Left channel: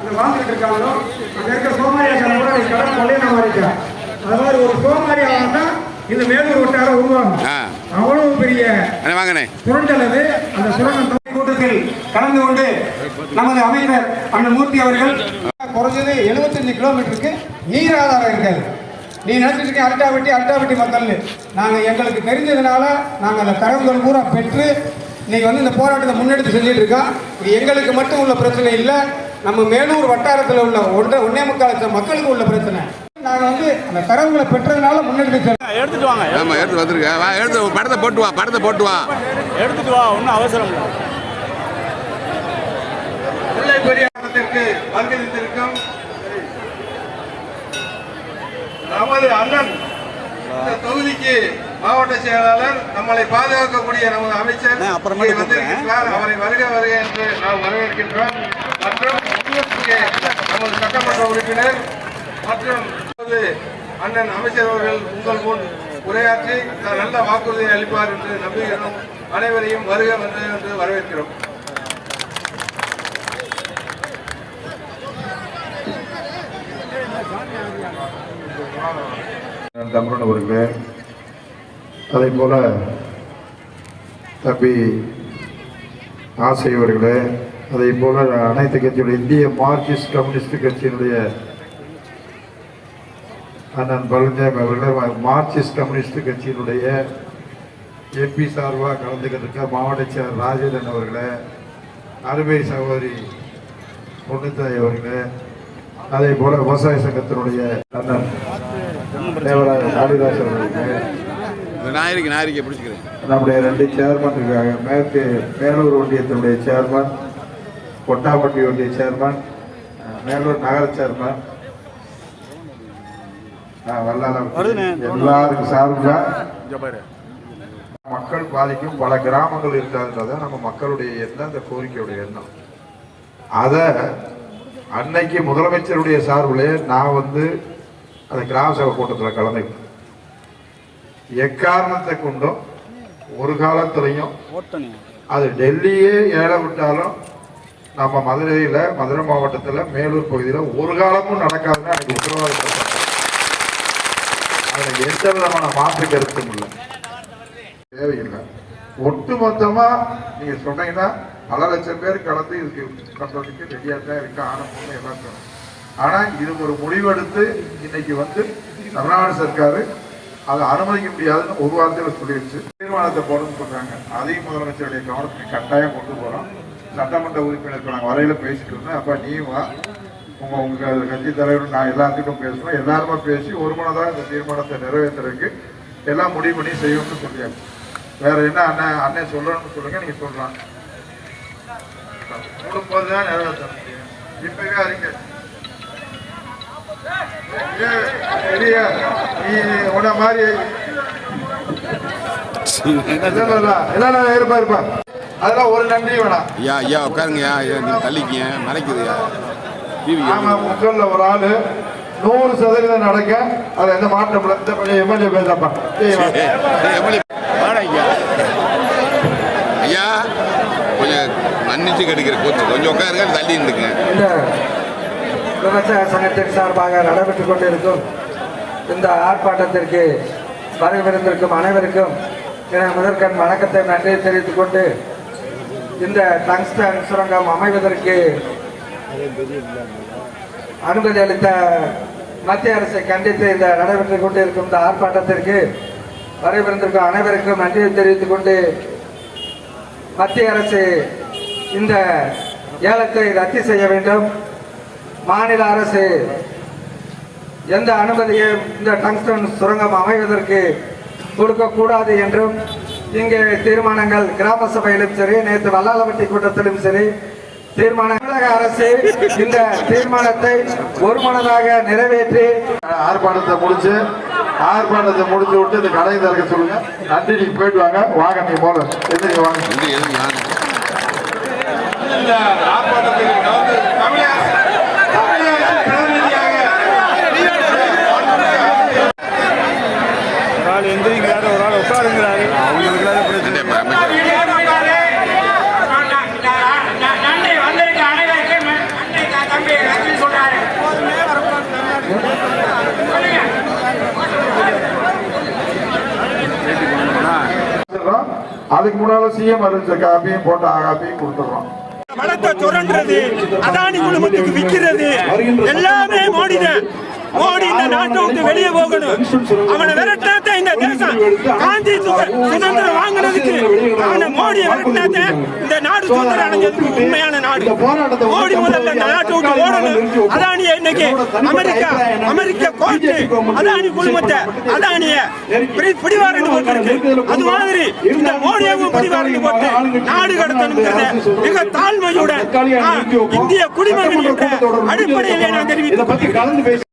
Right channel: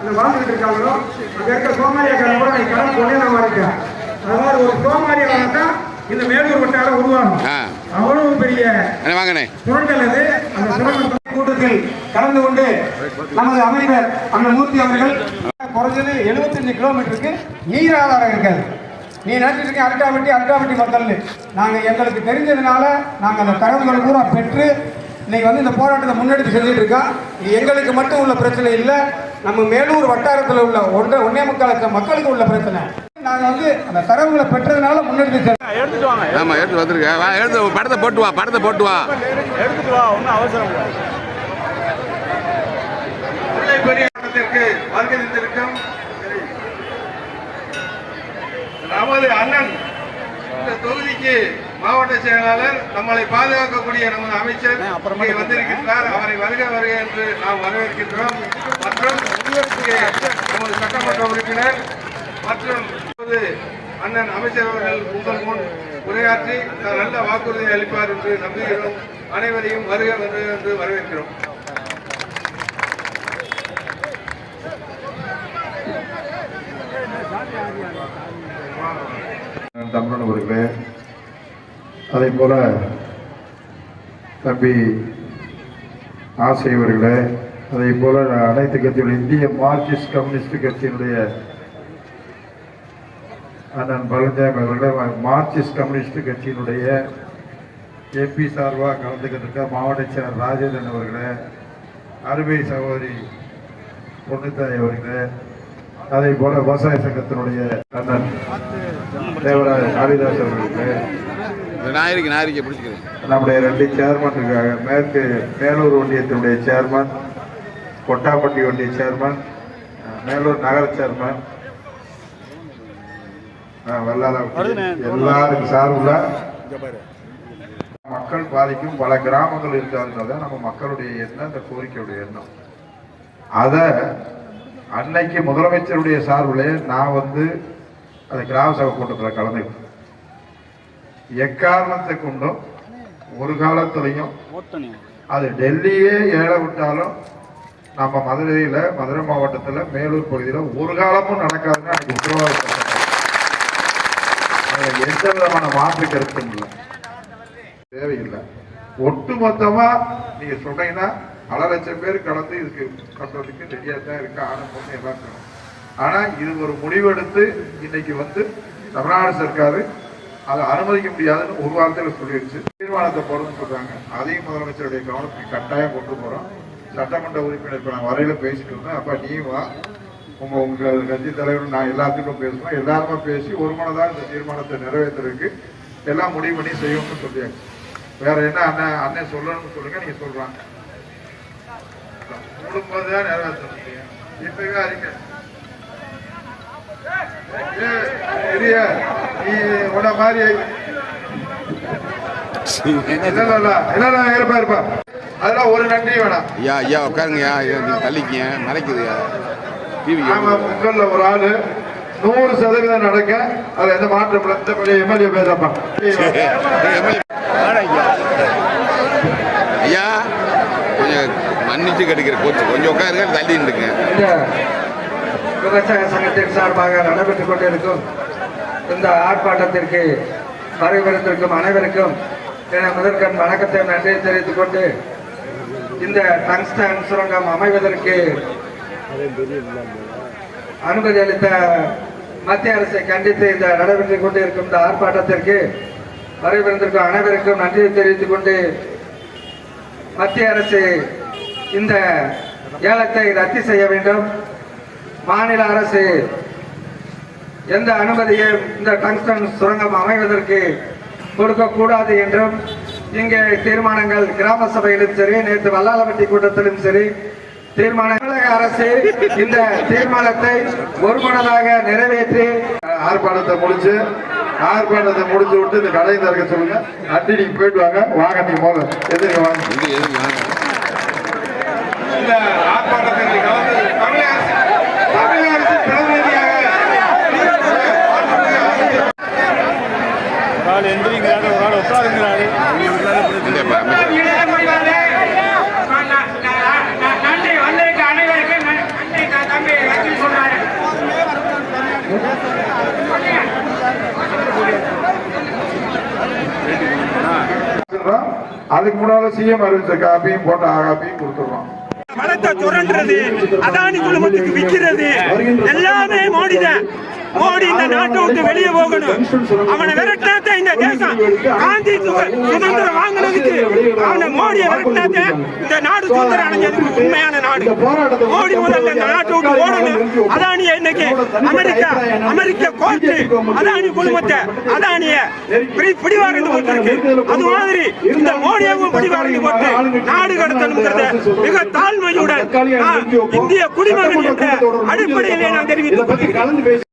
அந்த வாழ்ந்துகிட்டு இருக்காங்களோ அங்க இருக்க சோமாரியாக்களை கூட நீங்க கடன் கொள்ளையில வரைக்கும் அதாவது ஒரு சோமாரி ஆகணும்னா இந்த மேலூர் வட்டாரம் உருவாகும். அவ்வளவு பெரிய சுரண்டல் அது அந்த கூட்டத்தில் கலந்து கொண்டு நமது அமைச்சர் அந்த மூர்த்தி அவர்கள் குறைஞ்சது 75 கிலோமீட்டருக்கு நீர் ஆதாரம் இருக்காது. நீ நினைச்சிட்டு இருக்க அல்டாவட்டி அல்டாவட்டி மக்கள்னு? நாங்கள் எங்களுக்கு தெரிஞ்சதுனால நாங்கள் அந்த தரவுகள் பூரா பெற்று இன்னைக்கு வந்து இந்த போராட்டத்தை முன்னெடுத்து செஞ்சுட்டு இருக்கோம். இது எங்களுக்கு மட்டும் உள்ள பிரச்சனை இல்லை. நம்ம மேலூர் வட்டாரத்தில் உள்ள ஒன்றை ஒன்னே முக்காலத்து மக்களுக்கு உள்ள பிரச்சனை. நாங்கள் வந்து அந்த தரவுகளை பெற்றதுனால முன்னெடுத்து செல்றோம். ஆமாம் எடுத்து வந்துருக்க வா எடுத்து படத்தை போட்டு வா படத்தை போட்டு வா. எடுத்துட்டு வா ஒன்றும் அவசரம் தந்திருக்கும் நமது அண்ணன் இந்த தொகுதிக்கு மாவட்ட செயலாளர் நம்மளை பாதுகாக்கக்கூடிய நமது அமைச்சர் இங்கே வந்திருக்கின்றார் அவரை வருக வருக என்று நாம் வரவேற்கின்றோம். மற்றும் இங்கே நமது சட்டமன்ற உறுப்பினர் மற்றும் அண்ணன் அமைச்சர் அவர்கள் உங்கள் முன் உரையாற்றி நல்ல வாக்குறுதியை அளிப்பார் என்று நம்புகிறோம் அனைவரையும் வருக வந்து என்று வரவேற்கிறோம் தமிழன் அவர்களே அதே போல தம்பி ஆசை அவர்களே அதே போல அனைத்து கட்சியுடைய இந்திய மார்க்சிஸ்ட் கம்யூனிஸ்ட் கட்சியினுடைய அண்ணன் பழனிசாமி அவர்கள் மார்க்சிஸ்ட் கம்யூனிஸ்ட் கட்சியினுடைய எம்பி சார்பாக கலந்துக்கிட்டு மாவட்ட செயலர் ராஜேந்திரன் அவர்களே அருமை சகோதரி பொன்னுத்தாய் அவர்களே அதே போல விவசாய சங்கத்தினுடைய அண்ணன் தேவராஜ காளிதாஸ் அவர்களுக்கு நம்முடைய ரெண்டு சேர்மன் இருக்காங்க மேற்கு மேலூர் ஒன்றியத்தினுடைய சேர்மன் கொட்டாப்பட்டி ஒன்றிய சேர்மன் மேலூர் நகர சேர்மன். எல்லாருக்கும் சார்பில் மக்கள் பாதிக்கும் பல கிராமங்கள் இருக்காதுன்றத நம்ம மக்களுடைய எண்ணம் அந்த கோரிக்கையுடைய எண்ணம். அதை அன்னைக்கு முதலமைச்சருடைய சார்பிலே நான் வந்து அந்த கிராம சபை கூட்டத்தில் கலந்துக்கிட்டேன். எக்காரணத்தை கொண்டும் ஒரு காலத்திலையும் அது டெல்லியே ஏழை விட்டாலும் நம்ம மதுரையில் மதுரை மாவட்டத்தில் மேலூர் பகுதியில் ஒரு காலமும் நடக்காதுன்னு எனக்கு உத்தரவாதப்படுத்தாங்க அதில் எந்த விதமான மாற்று கருத்தும் இல்லை. தேவையில்லை. ஒட்டுமொத்தமா நீங்க சொன்னீங்கன்னா பல லட்சம் பேர் கலந்து இதுக்கு பண்றதுக்கு ரெடியா தான் இருக்கு ஆனந்தம் எல்லாம் ஆனால் ஆனா இது ஒரு முடிவெடுத்து இன்னைக்கு வந்து தமிழ்நாடு சர்க்காரு அதை அனுமதிக்க முடியாதுன்னு ஒரு வாரத்தில் சொல்லிடுச்சு. தீர்மானத்தை போடணும்னு சொல்றாங்க. அதையும் முதலமைச்சருடைய கவனத்துக்கு கட்டாயம் கொண்டு போறோம். சட்டமன்ற உறுப்பினர் இப்ப வரையில பேசிட்டு இருந்தேன் அப்ப நீ வா. உங்க உங்க கட்சி தலைவர் நான் எல்லாத்துக்கும் பேசுவோம் எல்லாருமே பேசி ஒரு மனதாக இந்த தீர்மானத்தை நிறைவேற்றுறதுக்கு எல்லாம் முடிவு பண்ணி செய்யணும்னு சொல்லியாச்சு. வேற என்ன அண்ணன் அண்ணன் சொல்லணும்னு சொல்லுங்க நீங்க சொல்லலாம் கொடுக்கும்போது தான் நிறைவேற்ற இப்பவே அறிக்கை. உன்ன மாதிரி இருப்பா இருப்பா. அதெல்லாம் ஒரு நன்றி வேணாம் ஐயா ஐயா உட்காருங்கய்யா ஐயா நீங்க தள்ளிக்கங்க மலைக்குதுயா டிவி மக்கள்ல ஒரு ஆளு நூறு சதவீதம் நடக்க அதுல எந்த மாற்றம் இல்லை. எம்எல்ஏ பேசப்பா எம்எல்ஏ வாடா ஐயா. ஐயா கொஞ்சம் மன்னிச்சு கெடுக்கிற கோச்சு. கொஞ்சம் உட்காருங்க தள்ளி இந்த விவசாய சங்கத்தின் சார்பாக நடைபெற்றுக் கொண்டிருக்கும் இந்த ஆர்ப்பாட்டத்திற்கு வரவிருந்திருக்கும் அனைவருக்கும் முதற்கண் வணக்கத்தை நன்றி தெரிவித்துக் கொண்டு இந்த டங்ஸ்டன் சுரங்கம் அமைவதற்கு அனுமதி அளித்த மத்திய அரசை கண்டித்து இந்த நடைபெற்றுக் கொண்டிருக்கும் இந்த ஆர்ப்பாட்டத்திற்கு வரவிருந்திருக்கும் அனைவருக்கும் நன்றி தெரிவித்துக் கொண்டு மத்திய அரசு இந்த ஏலத்தை ரத்து செய்ய வேண்டும். மாநில அரசு எந்த அனுமதியும் இந்த டங்ஸ்டன் சுரங்கம் அமைவதற்கு கொடுக்கக்கூடாது என்றும் இங்கே தீர்மானங்கள் கிராம சபையிலும் சரி நேற்று வல்லாளப்பட்டி கூட்டத்திலும் சரி தீர்மான தமிழக அரசு இந்த தீர்மானத்தை ஒருமனதாக நிறைவேற்றி ஆர்ப்பாட்டத்தை முடிச்சு ஆர்ப்பாட்டத்தை முடிச்சு விட்டு இந்த கடையை திறக்க சொல்லுங்க. நன்றி நீங்க போயிட்டு வாங்க. வாங்க நீங்க போல எதிர்க்க வாங்க வந்து எதுக்கு வாங்க இந்த ஆர்ப்பாட்டத்தில் கலந்து தமிழக தமிழக அரசு பிரதிநிதியாக ஒரு ஆள் எந்திரிக்கிறாரு ஒரு ஆள் உட்காருங்கிறாரு அவங்களுக்கு தான் பிரச்சனை இப்போ அமைச்சர் நன்றி வந்திருக்க அனைவருக்கும் நன்றி தம்பி சொல்றோம். அதுக்கு முன்னால சிஎம் அறிவிச்ச காப்பியும் போட்ட காப்பியும் கொடுத்துடுறோம். வளத்தை சுரண்டுறது அதானி குழுமத்துக்கு விற்கிறது எல்லாமே மோடி தான் மோடி இந்த நாட்டை விட்டு வெளியே போகணும். அவனை விரட்டினாத்த இந்த தேசம். காந்தி சுதந்திரம் வாங்கினதுக்கு அவனை மோடியை விரட்டினாத்த இந்த நாடு சுதந்திரம் அடைஞ்சதுக்கு உண்மையான நாடு. மோடி முதல்ல இந்த நாட்டை விட்டு ஓடணும். அதானிய இன்னைக்கு அமெரிக்கா அமெரிக்க கோர்ட்டு அதானி குழுமத்தை அதானிய பிடிவாரண்டு போட்டிருக்கு. அது மாதிரி இந்த மோடியாவும் பிடிவாரண்டு போட்டு நாடு கடத்தணுங்கிறத மிக தாழ்மையுடன் இந்திய குடிமகன் என்ற அடிப்படையிலே நான் தெரிவித்துக் கொள்கிறேன்.